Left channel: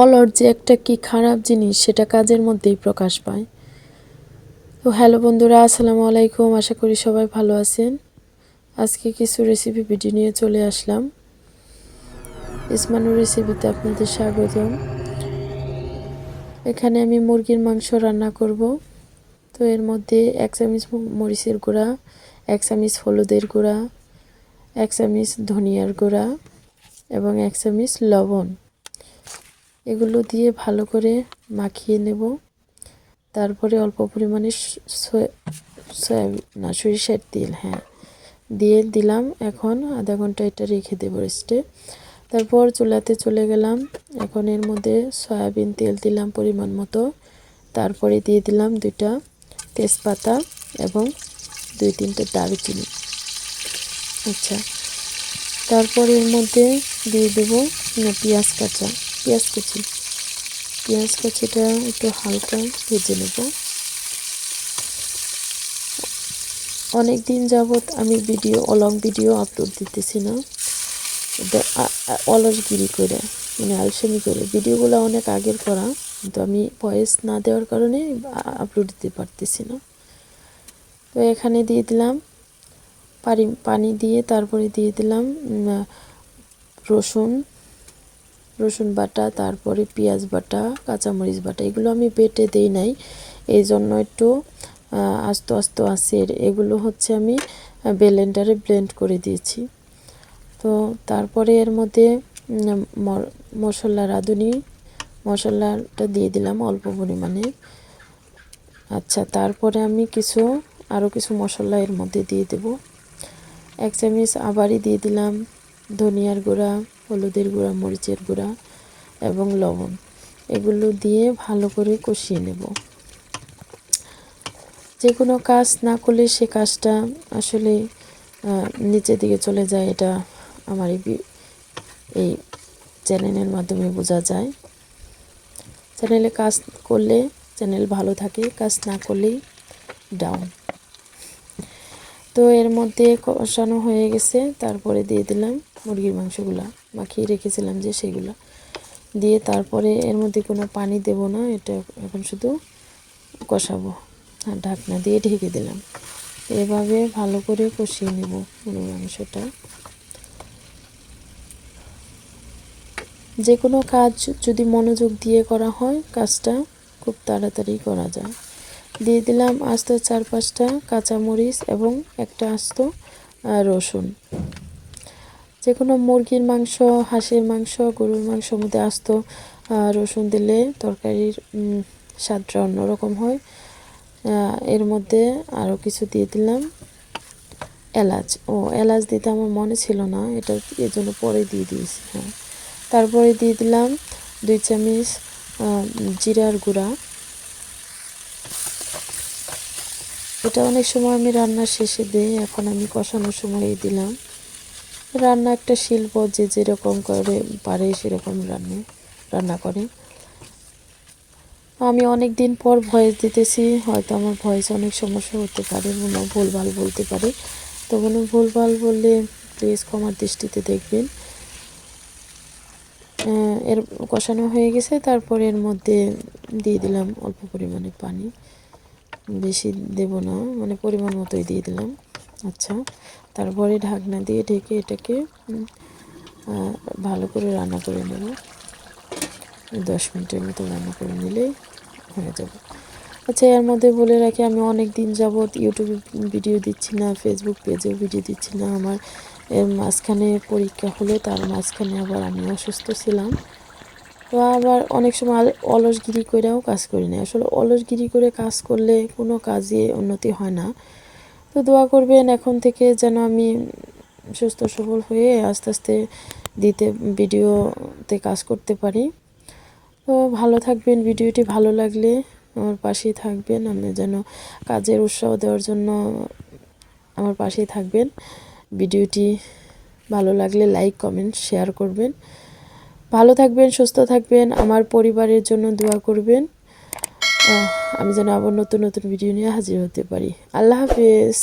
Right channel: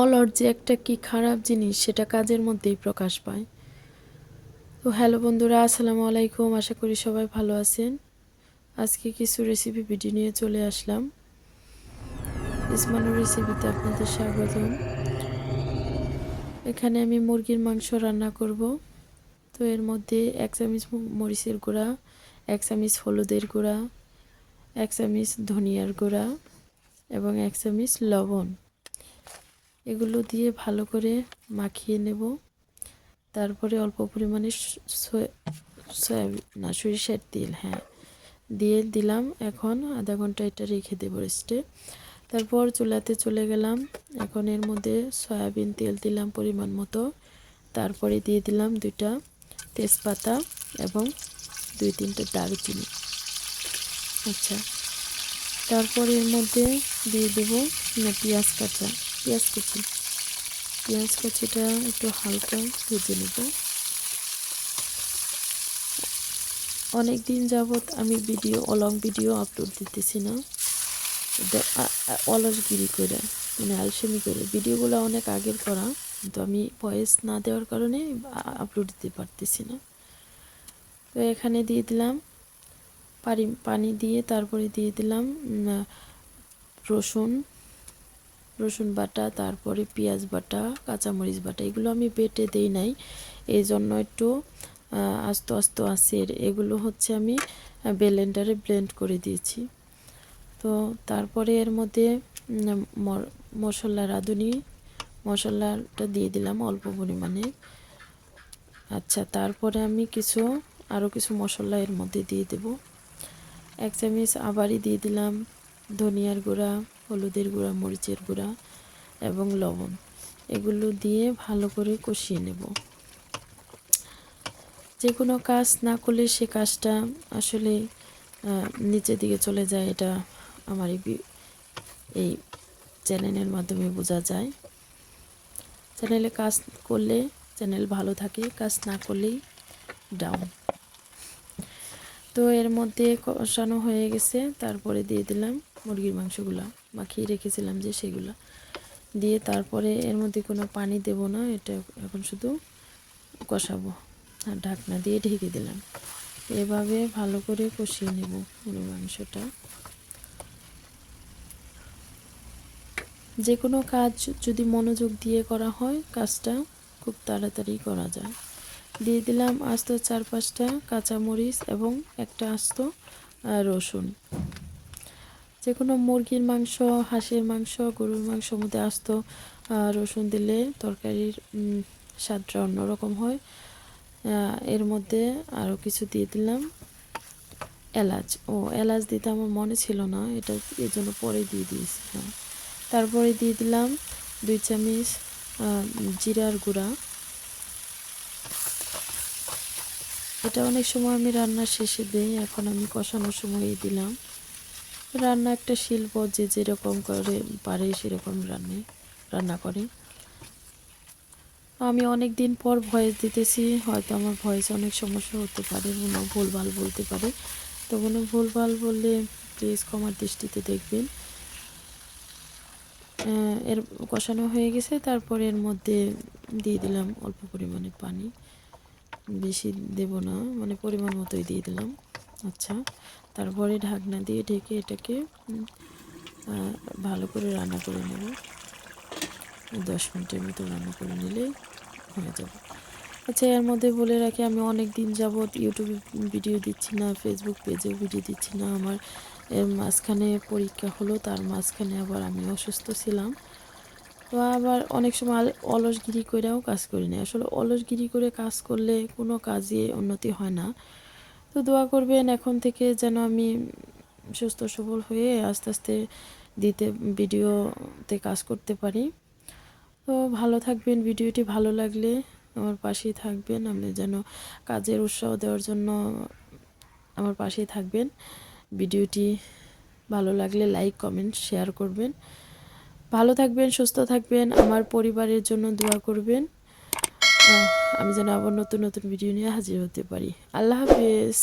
অলস যে একটা কি খারাপ জিনিস সেটা কাজের মধ্যেই প্রকাশ পায়। তো হ্যালো বন্ধুরা, আসসালামু আলাইকুম। আশা করি সবাই ভালো আছেন। আজকে কিছু রেসিপি ভিডিও নিয়ে চলে আসলাম। ইসমানুর রেসিপিতে আপনাদের স্বাগতম। এখানে আমি মুরগির মাংস রান্না করব। তো এর মধ্যে 1 চামচ মরিচের গুঁড়া, 1 চামচ হলুদের গুঁড়া, 1 চামচ ধনিয়ার গুঁড়া এবং 1 চামচ লবণ, এগুলো দিয়ে ভালো করে মাখিয়ে নেব। তারপরে অল্প পরিমাণে সরিষার তেল দিয়ে দিলাম। এখন আধা ঘন্টা এটা রেখে দেবো রেস্টে। তারপর চুলাতে চলে গেলাম। এখন এর মধ্যে সয়াবিন তেল দিলাম পরিমাণ মতো। তারপরে দিয়ে দিলাম 2টা তেজপাতা এবং 2-3টে দারুচিনি। আচ্ছা, তারপর এর মধ্যে দিয়ে দেবো পেঁয়াজ কুচি। পেঁয়াজ কুচিটা একটু হালকা ভেজে নেব। অনেক দিন যাবত আমি লং ভিডিও আপলোড দিতেছি না, অলসগিরি করে, মানে আলসেমি করে। ভিডিওগুলো অনেক আগের করা, কিন্তু আমি ভয়েস না দেওয়ার কারণে আপলোড দিতে পারতেছি না। তো এখানে দিয়ে দিলাম পানি দিয়ে, তারপরে দিয়ে দিলাম রসুন বাটা, তারপরে পেঁয়াজ বাটা, কাঁচামরিচ বাটা। এগুলো আমি বেটে দেই নাই, এই জন্য একটু আস্তে আস্তে আছে। এগুলো হচ্ছে আমি ব্লেন্ডারে ব্লেন্ড করে দিয়েছি। তো তারপরে এর মধ্যে রাঁধুনি মশলাটা দিয়ে দিলাম অল্প পরিমাণে। আচ্ছা, তারপরে আমি আরও কিছু মশলা এর মধ্যে দিয়ে দেব। 1 চামচ আবারই দিয়ে দিলাম ধনিয়ার গুঁড়া, হলুদের গুঁড়া, মরিচের গুঁড়া এবং লবণ। এগুলো দিয়ে ভালো করে কষিয়ে নেব। যে কোনো কাজ না করলে সে কাজটা আসলে নিচের দিকে চলে যায়। এটা আমার এই চ্যানেলের মাধ্যমে বোঝা যায়। চ্যানেলে কাজ করলে চ্যানেল ভালো থাকে, কাজ না করলেই ডাউন। তো এর মধ্যে কষানো হয়ে গেছে। তারপরে দিয়ে দিলাম মুরগির মাংসগুলো মাখিয়ে রেখেছিলাম যে, সেগুলো দিয়ে তারপরে এর মধ্যে কোনো পানি দেব না, এটা এখন শুধু কষাবো। আর ঢাকনা দিয়ে ঢেকে দিলাম। এভাবে ভালো করে কষিয়ে নেব মুরগির মাংসটা। যে কোনো কাজ যদি মনোযোগ দিয়ে করা হয়, কাজটা খুব তাড়াতাড়ি করা যায়। দিয়ে দিলাম আস্ত 4-5টা কাঁচামরিচ এবং একটা আস্ত রসুন। যে কোনো মুরগির মাংস, হাঁসের মাংস, গরুর মাংসর মধ্যে আস্ত রসুন দিলে তরকারির স্বাদটা অন্যরকম হয়। এর মধ্যে আরও কিছু দিয়ে দিলাম এলাচ দিতে আমার মনে ছিল না, এটা এর জন্য পরে দিয়ে দিয়েছি। তারপরে দিয়ে দিলাম 2 চামচ জিরার গুঁড়া। এটা অনেক সময় আমি রান্নার শেষে দিই, এখন আমি কষানোর সময় দিলাম। রান্না একটা শিল্প, যে যেরকম করে পারে সেরকম রান্না করে। আমি অনেক দিন পর ভয়েস দিতেছি, হয়তো আমার ভয়েসে অনেক সমস্যা হতে পারে, কোনো ভুলভাল বলতে পারি। তো কোনো ভুলভাল বললে প্লিজ ক্ষমার দৃষ্টিতে দেখবেন। এর কষানো হয়ে গেছে। তারপর এর মধ্যে দিয়ে দিলাম অল্প পরিমাণে পানি, বেশি দেব না, মানে পরিমাণ মতোই দিয়ে দিলাম। আচ্ছা, তারপরে ঢাকনা দিয়ে ঢেকে এটাকে ভালো করে রান্না করে নেব। 10 মিনিটের মতো রান্না করে নিলে হয়ে যাবে। আচ্ছা, এর মধ্যে বলে রাখি, আমি অনেক দিন যাবৎ ইউটিউবে ভিডিও দিচ্ছি না, ফেসবুক পেজেও ভিডিও দিচ্ছি না। আমার এর মাঝখানে পরীক্ষা হলো, তার মাঝখানে আবার আমি অসুস্থ ছিলাম। তো আবার অনেক সময় অলসগিরি করেও কাজ করি না। আসলে অলসগিরি করে কাজ করলে কোনো কাজে উন্নতি হয় না। তো দোয়া করবেন এখন থেকে যেন আমি সুস্থ সবল হয়ে আস্তে আস্তে ভিডিওতে কাজ করতে পারি। তো ভালো থাকবেন। ভিডিওটি ভালো লাগলে আমার পাশেই থাকবেন। আমি যেন কাজের উৎসাহ দেওয়ার জন্য আমার পাশেই থাকবেন। ভিডিওটি ভালো লাগলে লাইক, কমেন্ট, শেয়ার করবেন। ভালো থাকবেন, সুস্থ থাকবেন, আমার পরিবারের জন্য দোয়া করবেন। আমি যেন আবার নতুন নতুন ভিডিও নিয়ে হাজির হতে পারি। আল্লাহ হাফেজ।